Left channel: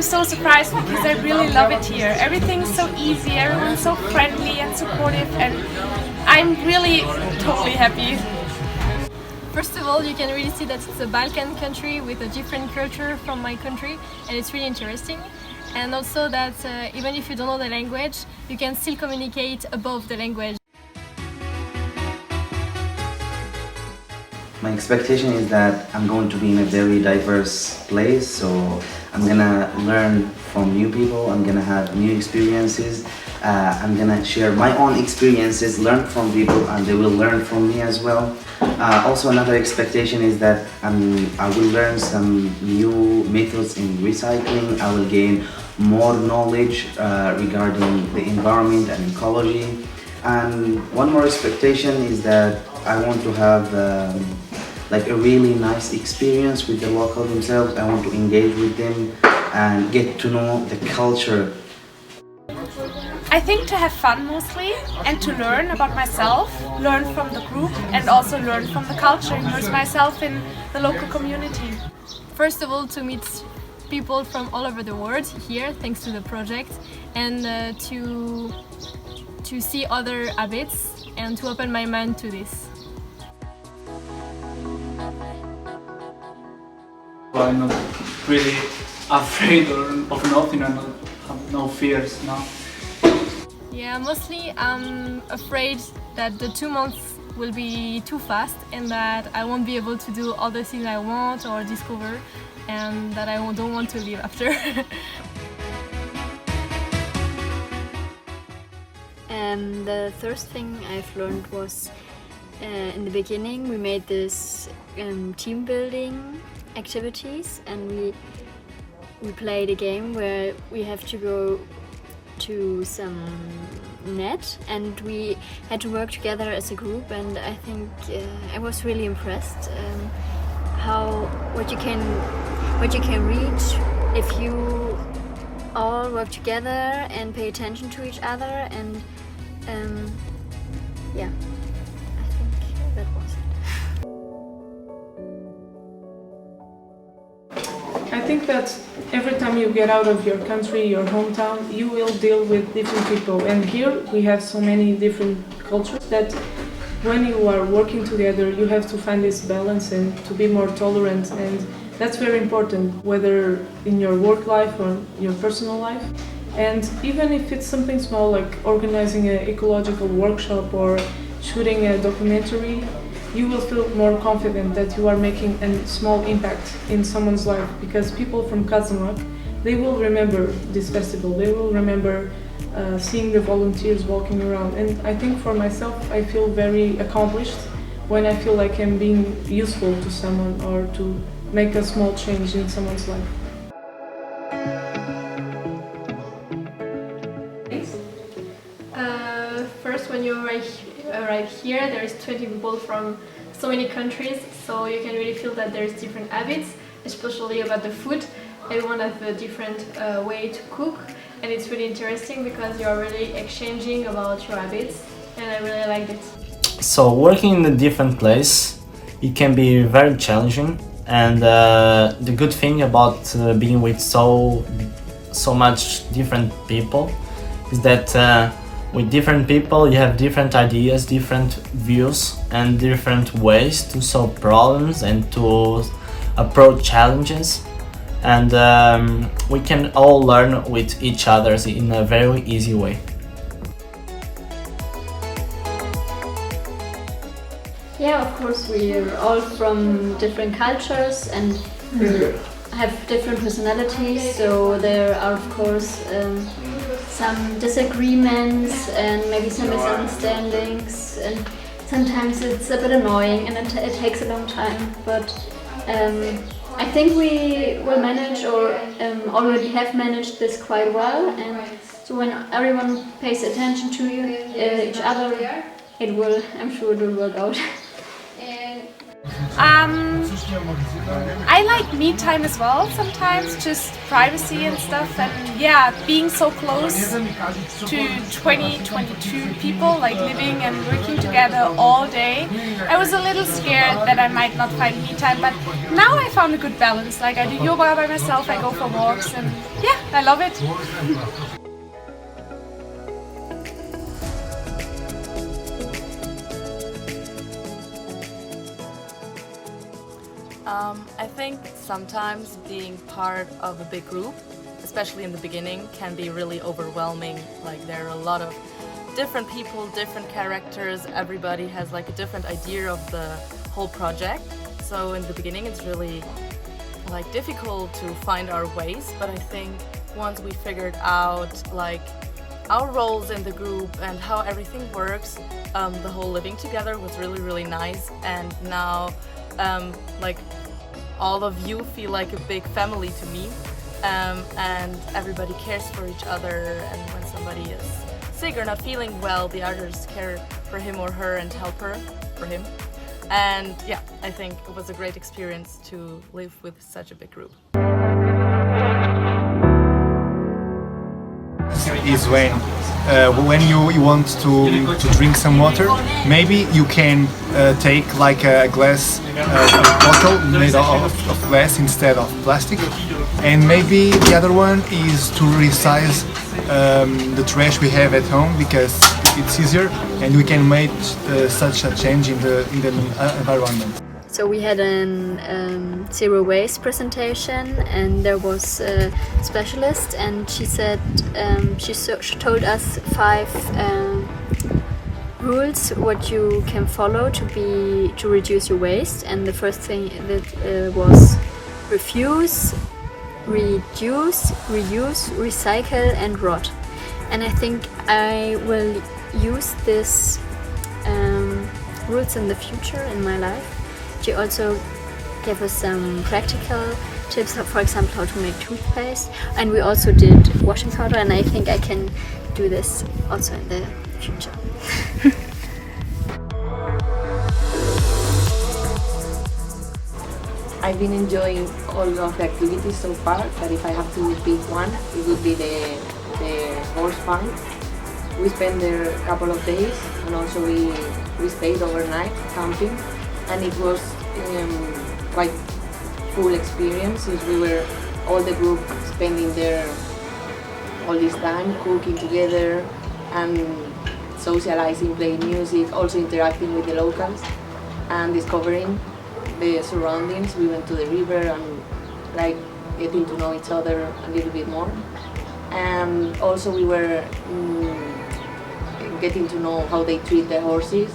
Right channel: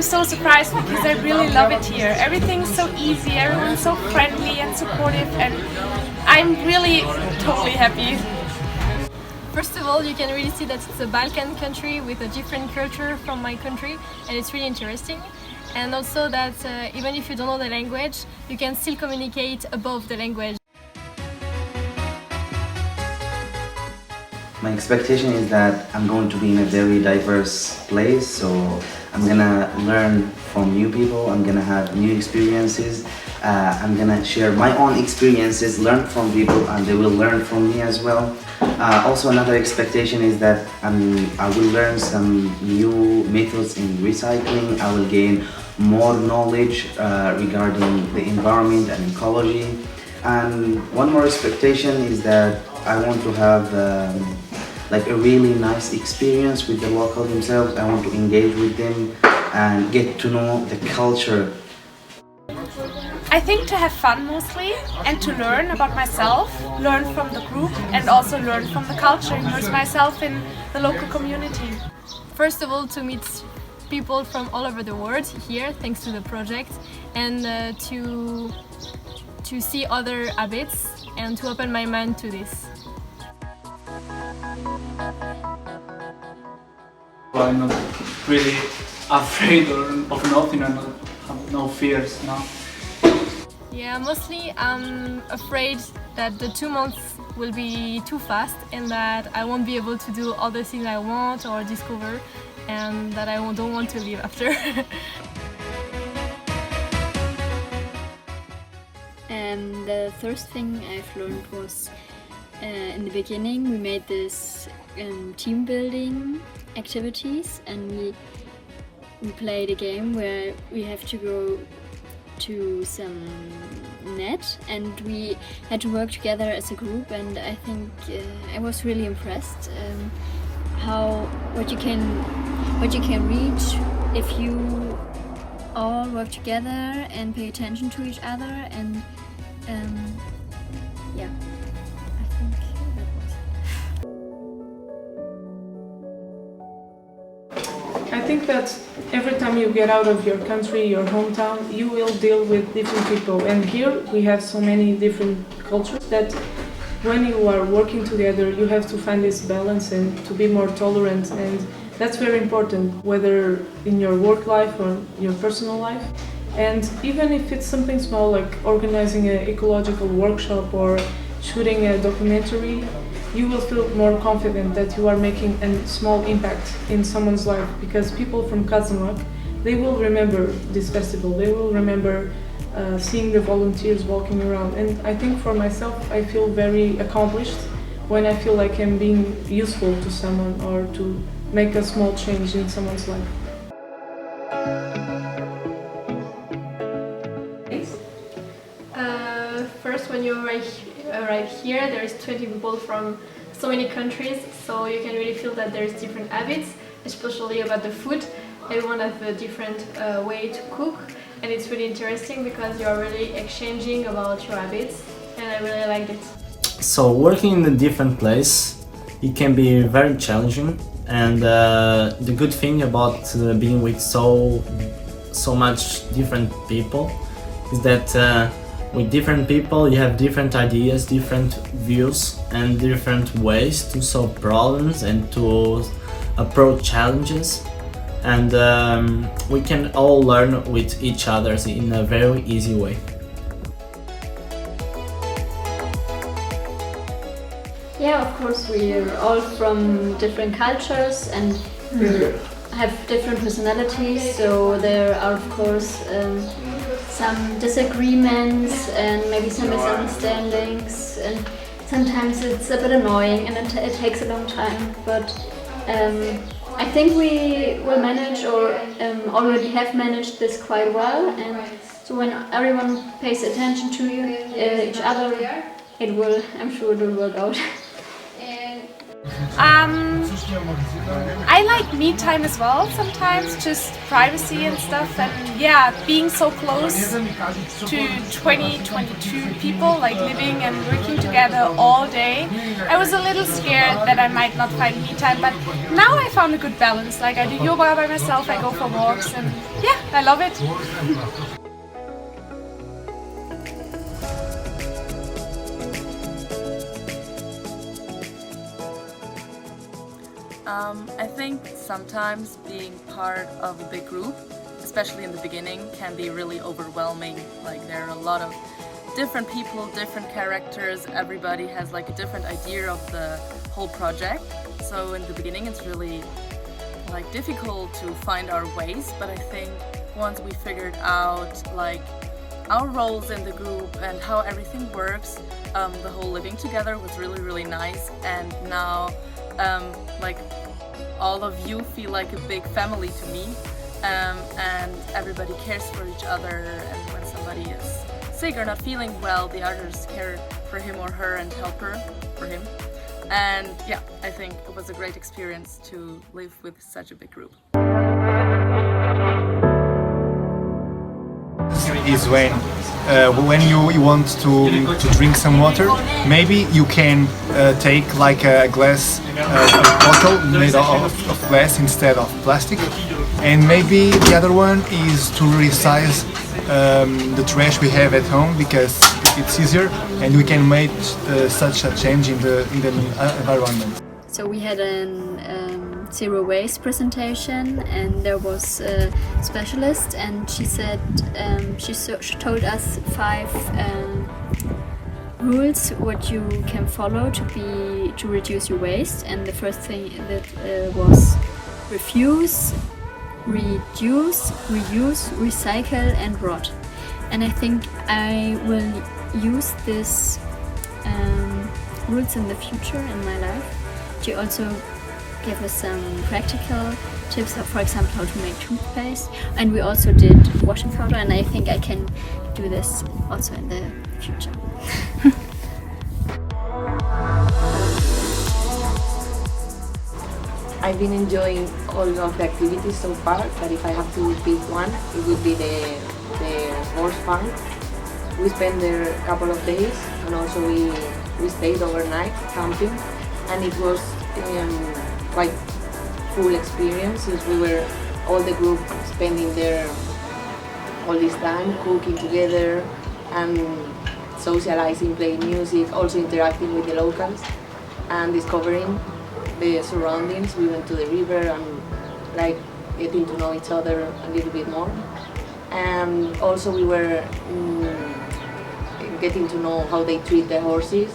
I'm so surprised because I really love it here. Everything's so easy, everyone's so friendly and supportive, and I'm really totally happy. First of all, you can really see that it's a Balkan country with a different culture from my country, and it's really interesting. And also that even if you don't know the language, you can still communicate above the language. My expectation is that I'm going to be in a very diverse place, so I'm gonna learn from new people, I'm gonna have new experiences, I'm gonna share my own experiences, learn from people, and they will learn from me as well. Also, another expectation is that I will learn some new methods in recycling, I will gain more knowledge regarding the environment and ecology. And one more expectation is that I want to have like a really nice experience with the local themselves. I want to engage with them and get to know the culture. I think to have fun mostly and to learn about myself, learn from the group and also learn from the culture, immerse myself in the local community. First of all, to meet people from all over the world here, thanks to the project, and to see other habits and to open my mind to this. I'm not really afraid of nothing and not have no fears, no. Yeah, mostly I'm afraid that the 2 months will be too fast and that I won't be able to do all the things I want or discover, and that I don't want to leave after. The first thing I've learned was in the beginning we made this team building activities, and we played a game where we have to go to some net and we had to work together as a group, and I think I was really impressed what you can reach if you all work together and pay attention to each other, and yeah, I think that was it. I think that every time you get out of your country, your hometown, you will deal with different people, and here we have so many different cultures that when you are working together you have to find this balance and to be more tolerant, and that's very important, whether in your work life or your personal life. And even if it's something small like organizing an ecological workshop or shooting a documentary, you will feel more confident that you are making a small impact in someone's life, because people from Kazanlak, they will remember this festival, they will remember seeing the volunteers walking around, and I think for myself I feel very accomplished when I feel like I'm being useful to someone or to make a small change in someone's life. First, when you arrive here, there is 20 people from so many countries, so you can really feel that there's different habits, especially about the food. Everyone has a different way to cook, and it's really interesting because you are really exchanging about your habits, and I really liked it. So working in a different place, it can be very challenging, and the good thing about being with so much different people is that with different people you have different ideas, different views and different ways to solve problems and to approach challenges, and we can all learn with each other in a very easy way. Yeah, of course, we're all from different cultures and we have different personalities, so there are of course some disagreements and maybe some misunderstandings, and sometimes it's a bit annoying and it takes a long time, but I think we will manage, or already have managed this quite well, and so when everyone pays attention to each other, I'm sure it will work out. I like me time as well sometimes, just privacy and stuff, and yeah, being so close to 22 people, like living and working together all day. I was a little scared that I might not find me time, but now I found a good balance. Like I do yoga by myself, I go for walks, and yeah, I love it. I think sometimes being part of a big group, especially in the beginning, can be really overwhelming. Like there are a lot of different people, different characters, everybody has like a different idea of the whole project. So in the beginning it's really like difficult to find our ways, but I think once we figured out like our roles in the group and how everything works, the whole living together was really nice, and now like all of you feel like a big family to me, and everybody cares for each other, and when somebody is sick or not feeling well, the others care for him or her and help her for him. And yeah, I think it was a great experience to live with such a big group. Is when you want to drink some water, maybe you can take like a glass bottle made of glass instead of plastic, and maybe the other one is to resize the trash we have at home, because it's easier and we can make such a change in the environment. So we had a zero waste presentation, and there was a specialist, and she said she told us 5 rules what you can follow to reduce your waste. And the first thing that was refuse, reduce, reuse, recycle, and rot. And I think I will use these rules in the future in my life. She also gave us some practical tips, for example, how to make toothpaste, and we also did washing powder, and I think I can do this also in the future. I've been enjoying all of the activities so far, but if I have to pick one, it would be the horse farm. We spent there a couple of days, and also we stayed overnight camping, and it was quite full experience, since we were all the group spending there all this time, cooking together and socializing, playing music, also interacting with the locals and discovering the surroundings. We went to the river and like getting to know each other a little bit more, and also we were getting to know how they treat the horses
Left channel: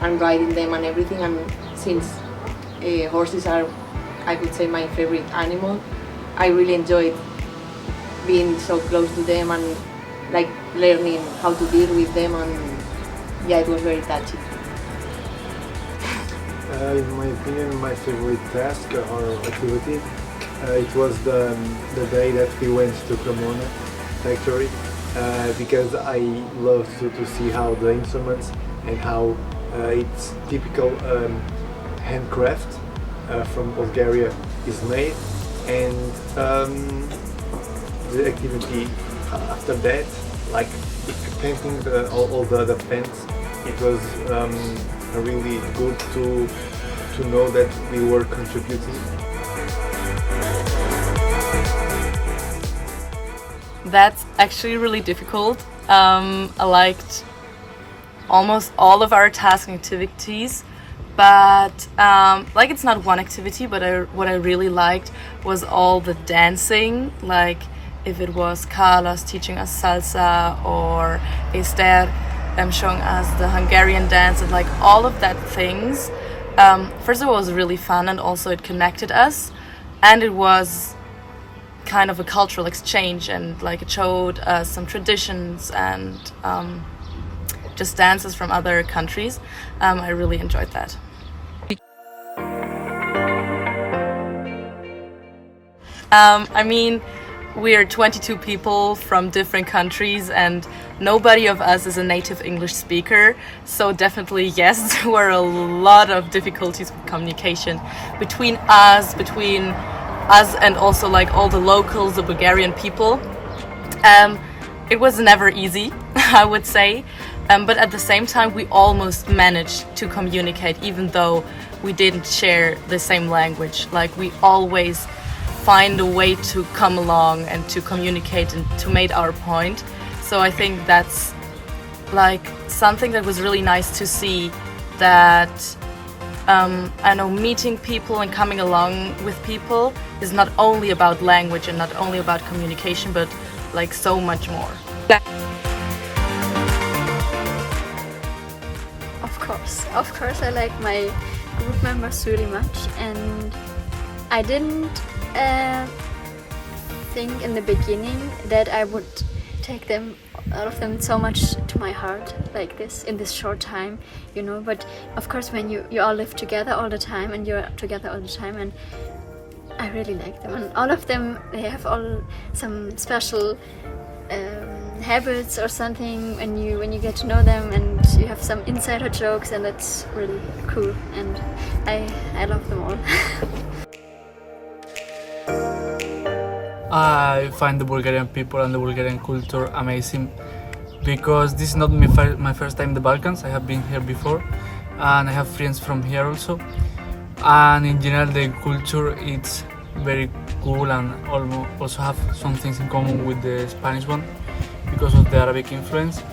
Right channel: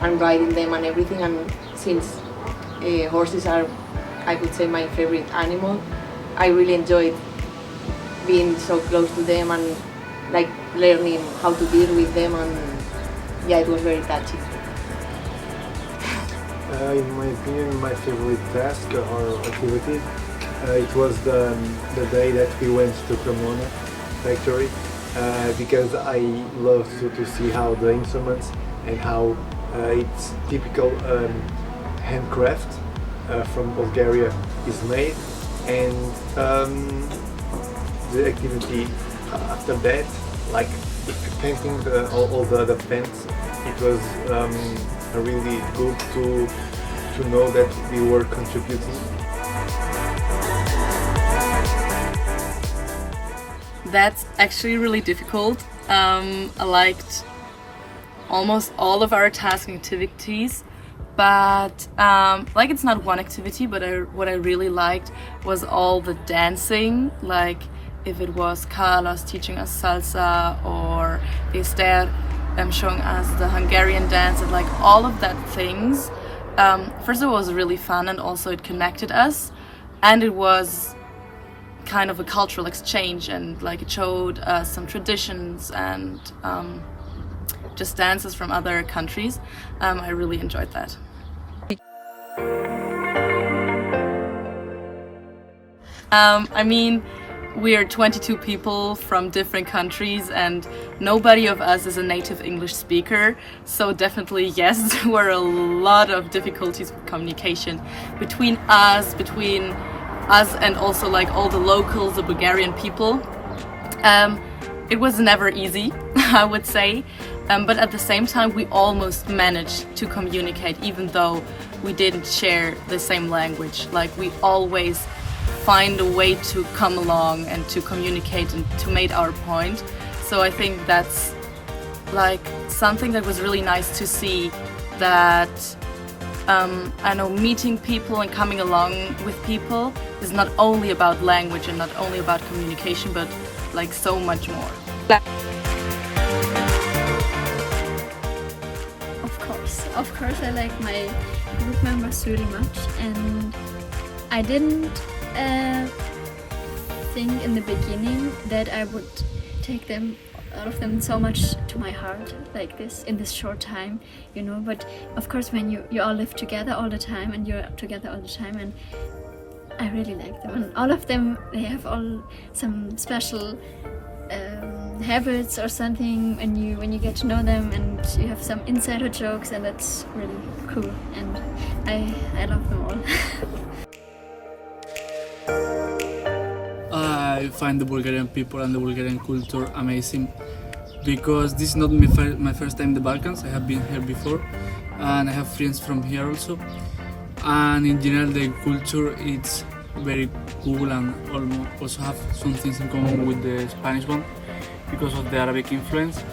and riding them and everything. And since horses are, I could say, my favorite animal, I really enjoyed being so close to them and like learning how to deal with them, and yeah, it was very touching. In my opinion, my favorite task or activity, it was the day that we went to Cremona factory, because I love to see how the instruments and how it's typical handcraft from Bulgaria is made, and the activity after that, like painting all the fence, it was really good to know that we were contributing. That's actually really difficult. I liked almost all of our task activities, but like it's not one activity, but what I really liked was all the dancing, like if it was Carlos teaching us salsa or Esther showing us the Hungarian dance, and like all of that things. First of all, it was really fun, and also it connected us, and it was kind of a cultural exchange, and like it showed us some traditions and just dances from other countries. I really enjoyed that. I mean, we are 22 people from different countries and nobody of us is a native English speaker. So definitely, yes, there were a lot of difficulties with communication between us and also like all the locals, the Bulgarian people. It was never easy, I would say, but at the same time we almost managed to communicate even though we didn't share the same language. Like we always find a way to come along and to communicate and to make our point. So I think that's like something that was really nice to see, that I know meeting people and coming along with people is not only about language and not only about communication, but like so much more. Of course I like my group members really much, and I didn't think in the beginning that I would take all of them so much to my heart like this in this short time, you know. But of course when you all live together all the time and you're together all the time, and I really like them, and all of them, they have all some special habits or something when you get to know them, and you have some insider jokes, and that's really cool, and I love them all. I find the Bulgarian people and the Bulgarian culture amazing because this is not my first time in the Balkans. I have been here before and I have friends from here also, and in general the culture it's very cool and also have some things in common with the Spanish one because of the Arabic influence,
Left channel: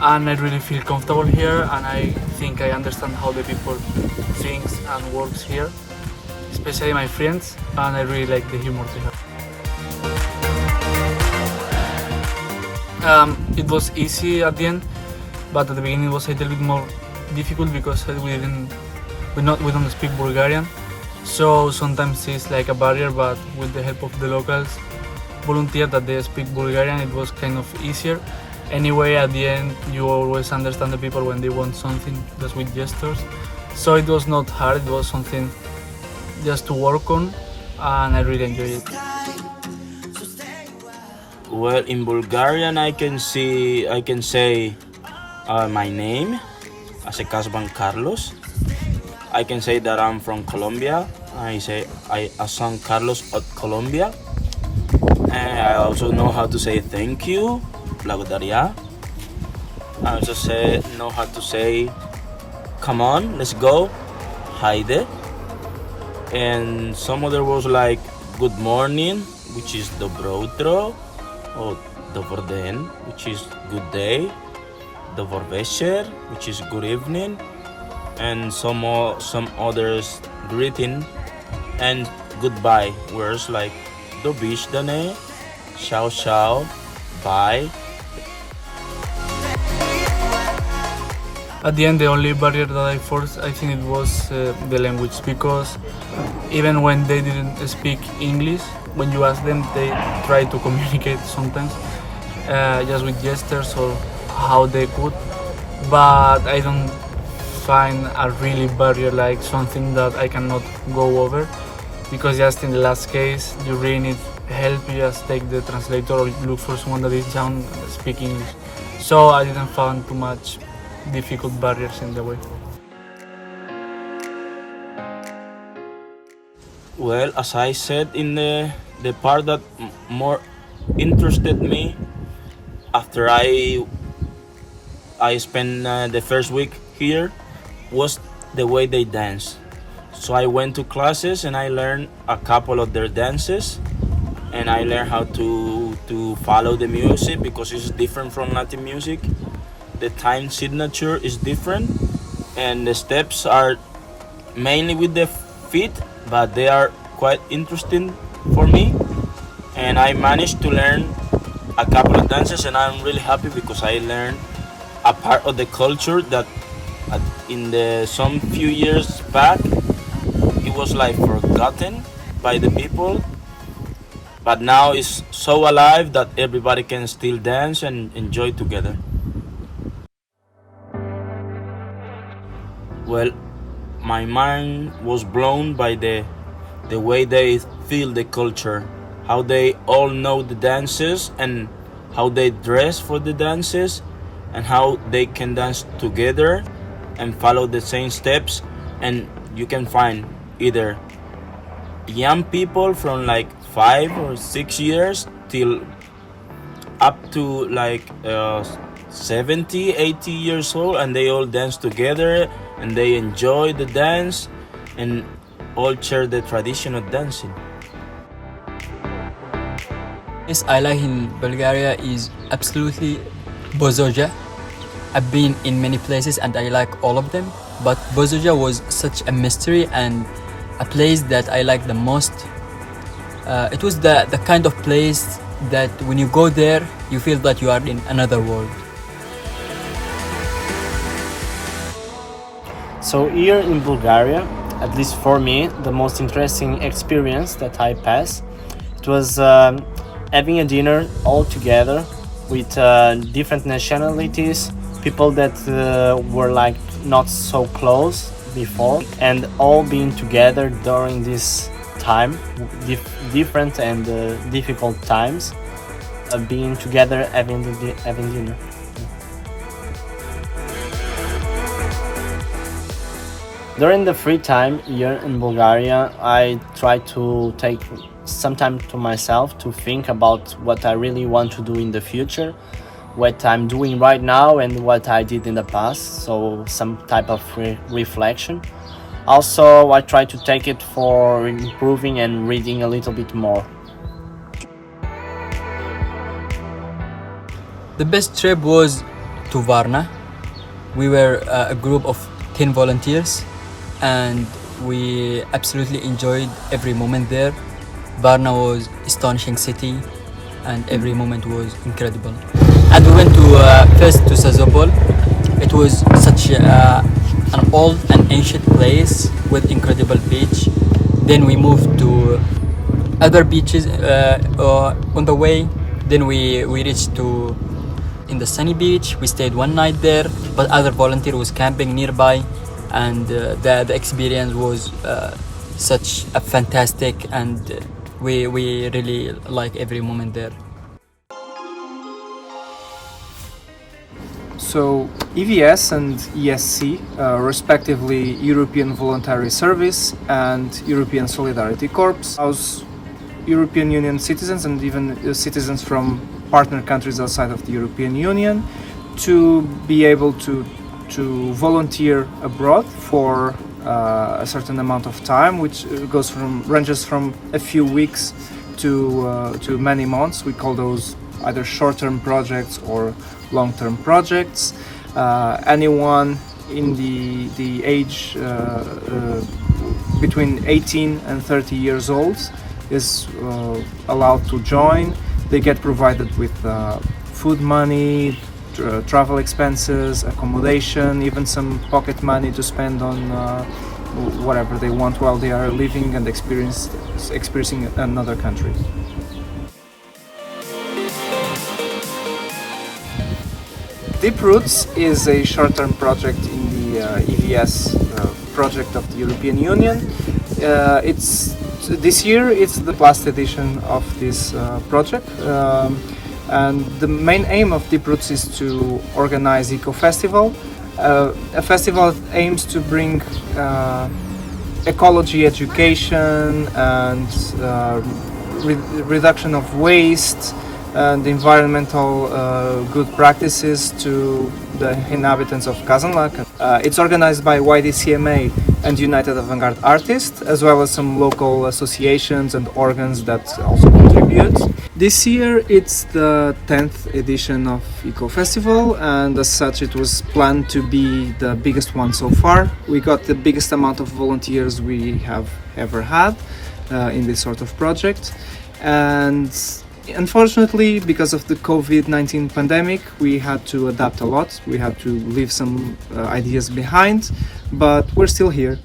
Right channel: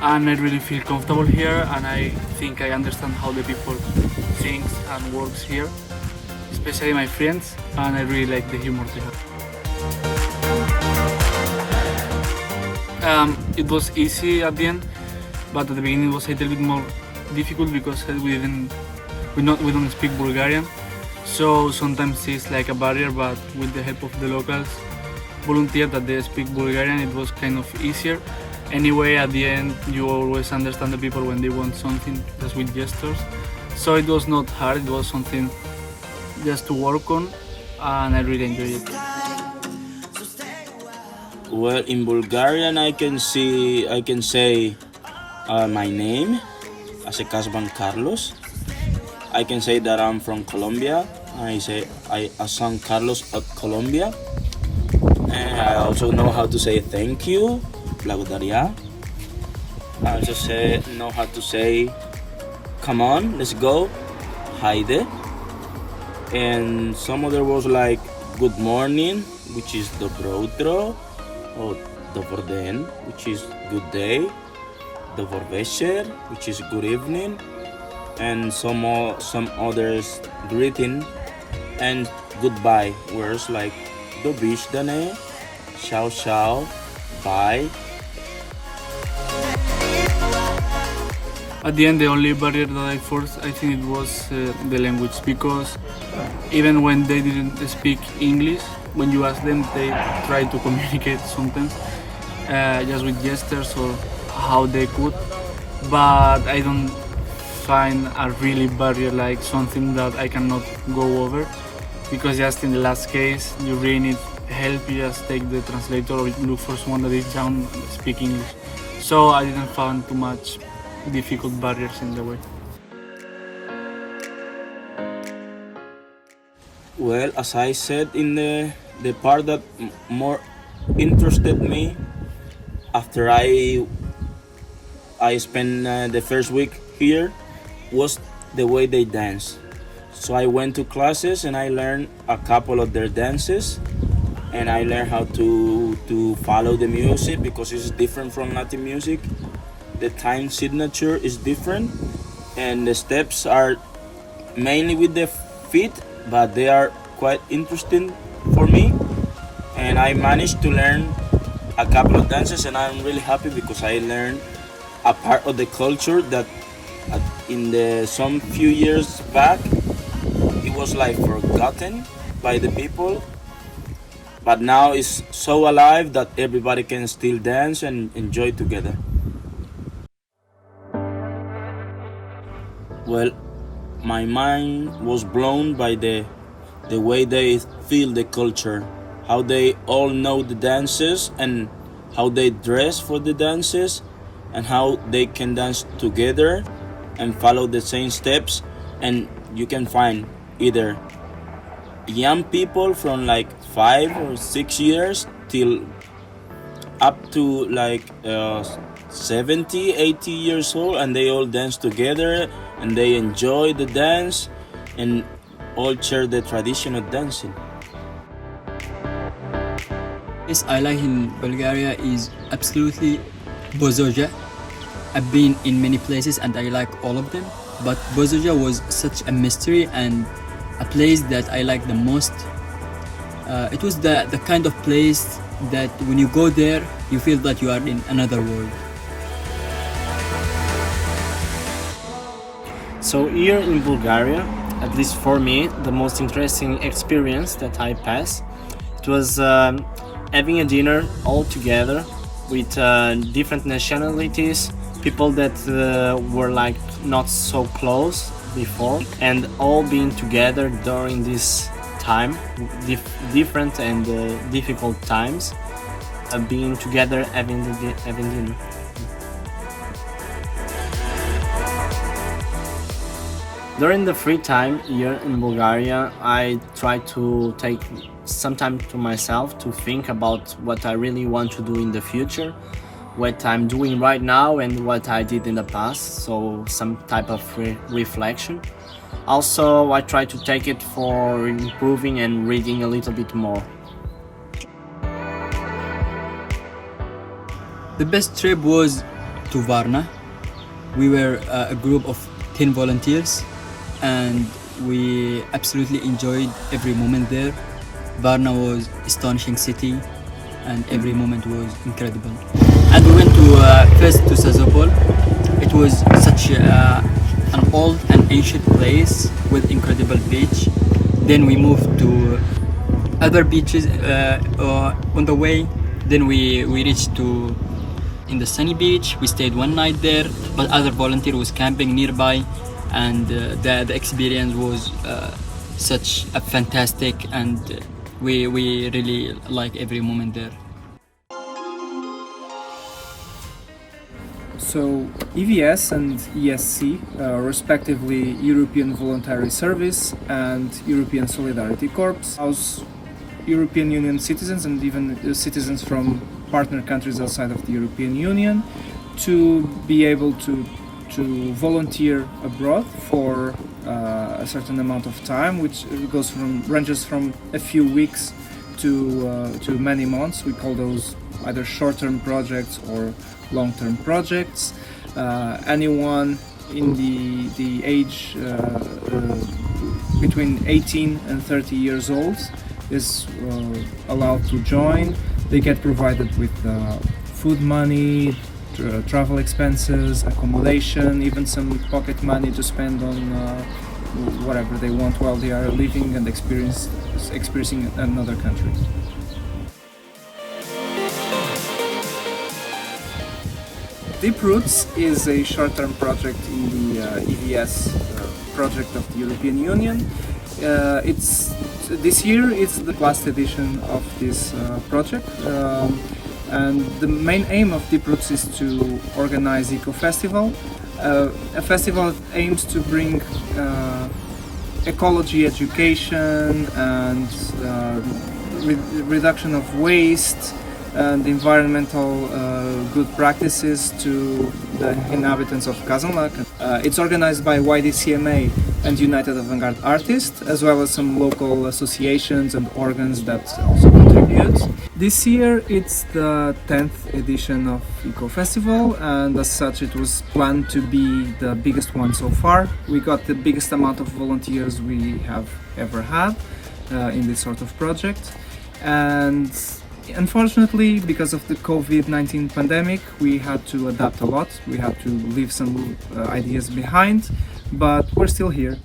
and I really feel comfortable here, and I think I understand how the people thinks and works here, especially my friends, and I really like the humor they have. It was easy at the end, but at the beginning it was a little bit more difficult because we don't speak Bulgarian, so sometimes it's like a barrier, but with the help of the locals volunteer that they speak Bulgarian, it was kind of easier. Anyway, at the end you always understand the people when they want something, just with gestures, so it was not hard, it was something just to work on, and I really enjoyed it. Well, in Bulgarian I can say my name, Asekasban Carlos. I can say that I'm from Colombia. I say San Carlos at Colombia. And I also know how to say thank you, благодаря. I also know how to say come on, let's go, hayde. And some other words like good morning, which is dobro utro, or dobar den, which is good day, dobar večer, which is good evening, and some others greeting and goodbye words like do bishdane, ciao ciao, bye. At the end, the only barrier that I forced, I think it was the language, because even when they didn't speak English, when you ask them, they try to communicate sometimes just with gestures or how they could, but I don't find a really barrier like something that I cannot go over, because just in the last case you really need help, you just take the translator or look for someone that is down and speak English. So I didn't find too much difficult barriers in the way. Well, as I said in the part that more interested me after I spent the first week here was the way they dance. So I went to classes and I learned a couple of their dances, and I learned how to follow the music because it's different from Latin music. The time signature is different, and the steps are mainly with the feet, but they are quite interesting for me. And I managed to learn a couple of dances, and I'm really happy because I learned a part of the culture that in some few years back it was like forgotten by the people, but now it's so alive that everybody can still dance and enjoy together. Well, my mind was blown by the way they feel the culture, how they all know the dances and how they dress for the dances and how they can dance together and follow the same steps. And you can find either young people from like 5 or 6 years till up to like 70, 80 years old, and they all dance together and they enjoy the dance and all share the tradition of dancing. Yes, I like in Bulgaria is absolutely Bozoja. I've been in many places and I like all of them, but Bozoja was such a mystery and a place that I like the most. It was the kind of place that when you go there, you feel that you are in another world. So here in Bulgaria, at least for me, the most interesting experience that I passed, it was having a dinner all together with different nationalities, people that were like not so close before, and all being together during this time, different and difficult times, being together having dinner. During the free time here in Bulgaria, I try to take some time to myself to think about what I really want to do in the future, what I'm doing right now and what I did in the past, so some type of reflection. Also, I try to take it for improving and reading a little bit more. The best trip was to Varna. We were a group of 10 volunteers and we absolutely enjoyed every moment there. Varna was astonishing city and every moment was incredible. And we went to first to Sozopol. It was such an old and ancient place with incredible beach. Then we moved to other beaches on the way. Then we reached to in the sunny beach. We stayed one night there, but other volunteer was camping nearby, and the experience was such a fantastic, and we really like every moment there. So EVS and ESC, respectively European Voluntary Service and European Solidarity Corps, allows European Union citizens and even citizens from partner countries outside of the European Union to be able to volunteer abroad for a certain amount of time, which ranges from a few weeks to many months. We call those either short-term projects or long-term projects. Anyone in the age between 18 and 30 years old is allowed to join. They get provided with food money, travel expenses, accommodation, even some pocket money to spend on whatever they want while they are living and experiencing another country. Deep Roots is a short-term project in the EVS project of the European Union. This year it's the last edition of this project, and the main aim of Deep Roots is to organize Eco Festival, a festival that aims to bring ecology education and reduction of waste and environmental good practices to the inhabitants of Kazanlak. It's organized by YDCMA and United Avant-Garde Artists, as well as some local associations and organs that also contribute. This year it's the 10th edition of Eco Festival, and as such it was planned to be the biggest one so far. We got the biggest amount of volunteers we have ever had in this sort of project, and unfortunately, because of the COVID-19 pandemic, we had to adapt a lot. We had to leave some ideas behind, but we're still here.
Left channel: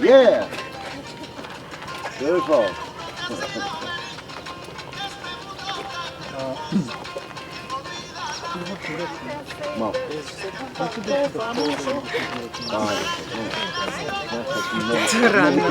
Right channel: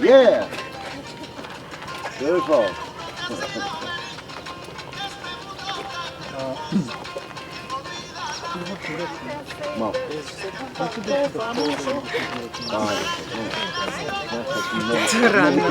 Yeah! Beautiful! Rano.